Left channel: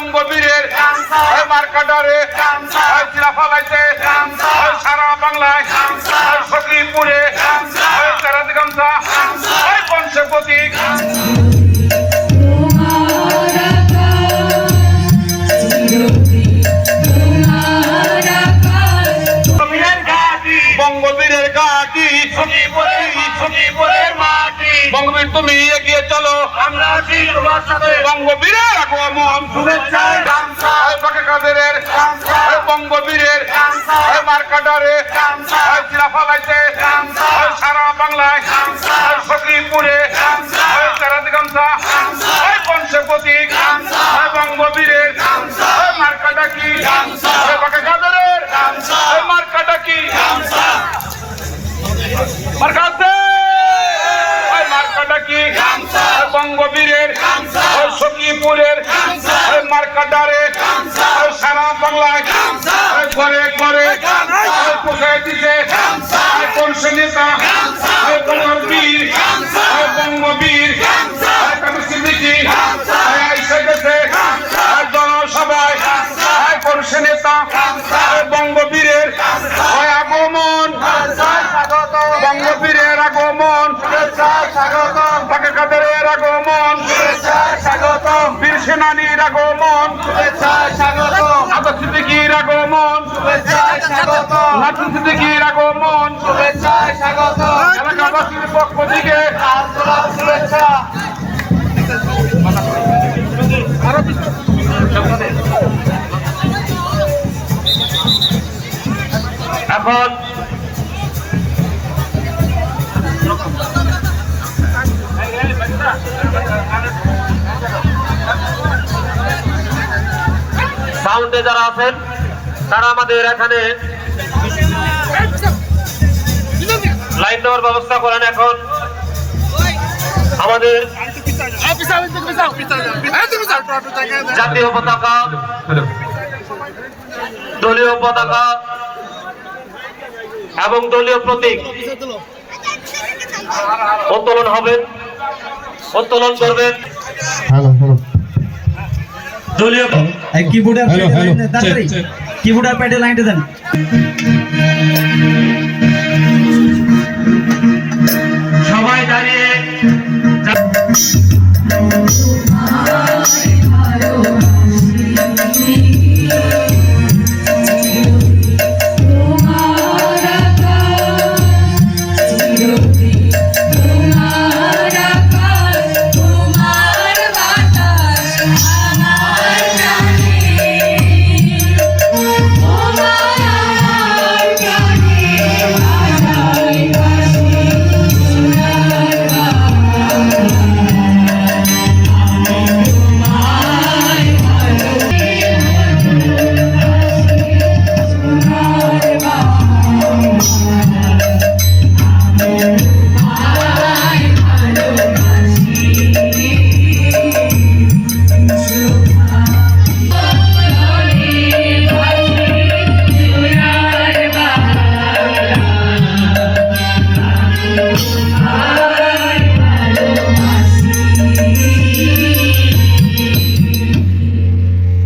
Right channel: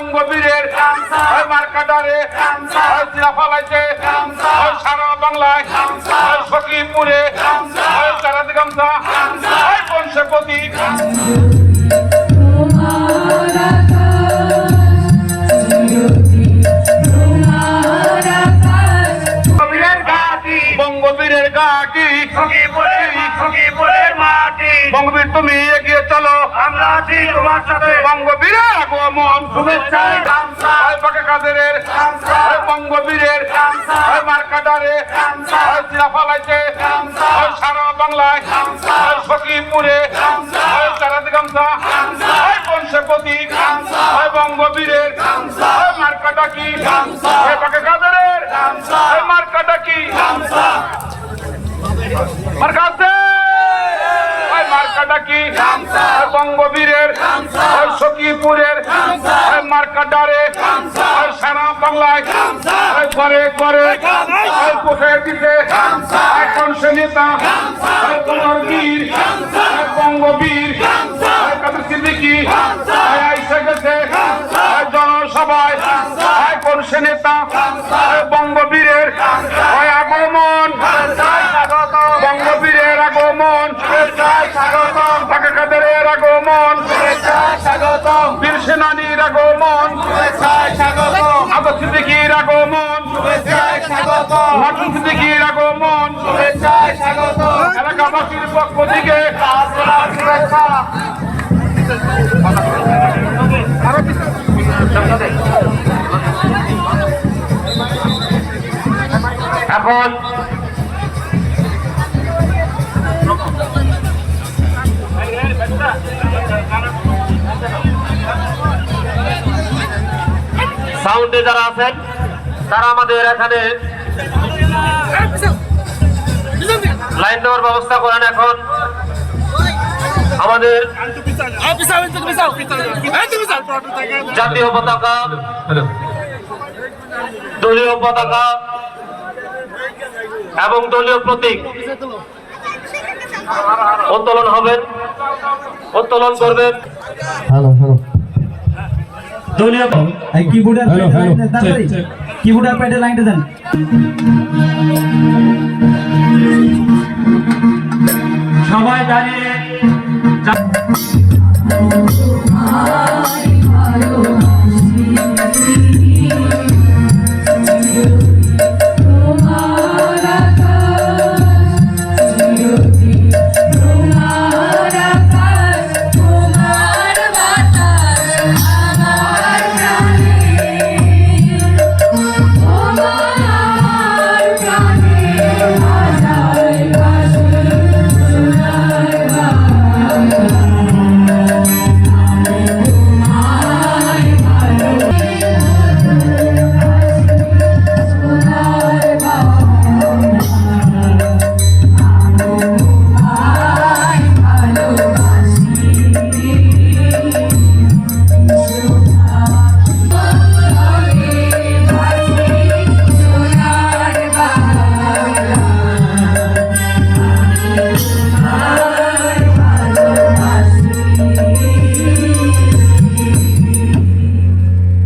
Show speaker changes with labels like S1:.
S1: বঙ্গবীরের ওই মার্কাটারে ওই চিরাফালাইতে ওই সারা বাংলায় ওই সখীপুরে ওই তারাদিগঞ্জা ওই পঞ্চপতি বঙ্গবীরের ঘাটি। বঙ্গবীর তুমি এগিয়ে চলো।
S2: আমরা আছি তোমার সাথে।
S1: বঙ্গবীরের আগমন।
S2: শুভেচ্ছা।
S1: কাদেরের। বঙ্গবীরের। মার্কাটারে ওই চিরা ফলাইছে ওই সারা বাংলায়। সখীপুরে ওই পঞ্চপতি বঙ্গবীরের। মার্কাটা কি? কাদেরের। বঙ্গবীরের সখীপুরের ওই মার্কাটারে সারা বাংলায় ঘরে ঘরে পোষায় দিতে কোন নেতা বীর বঙ্গবীর ওই সিদ্দিকি গেছে জনসভায় কোন নেতা বঙ্গবীরের আগমন স্বাগতম বাকে কাদের আগমন
S2: স্বাগতম।
S1: বীর সেনানীর আগমন।
S2: স্বাগতম।
S1: আদর সিদ্দিকির আগমন।
S2: স্বাগতম।
S1: নাটুন সিদ্দিকির আগমন।
S2: শুভেচ্ছা স্বাগতম।
S1: এলাকাবাসীর পক্ষ থেকে
S2: শুভেচ্ছা।
S1: এখন
S3: সাউন্ডে যারা আছেন, তারা আমাদের এখানে লাইন দেওয়ার ব্যবস্থা করেন এখন। আমাদের জাতীয় পতাকা, দলীয় পতাকা এবং দলীয় প্রতীক উত্তোলন হবেন উত্তোলন করবেন। দলীয়
S4: কিবোর্ডের. কিবোর্ডের প্যাডে লাইনটা দেন।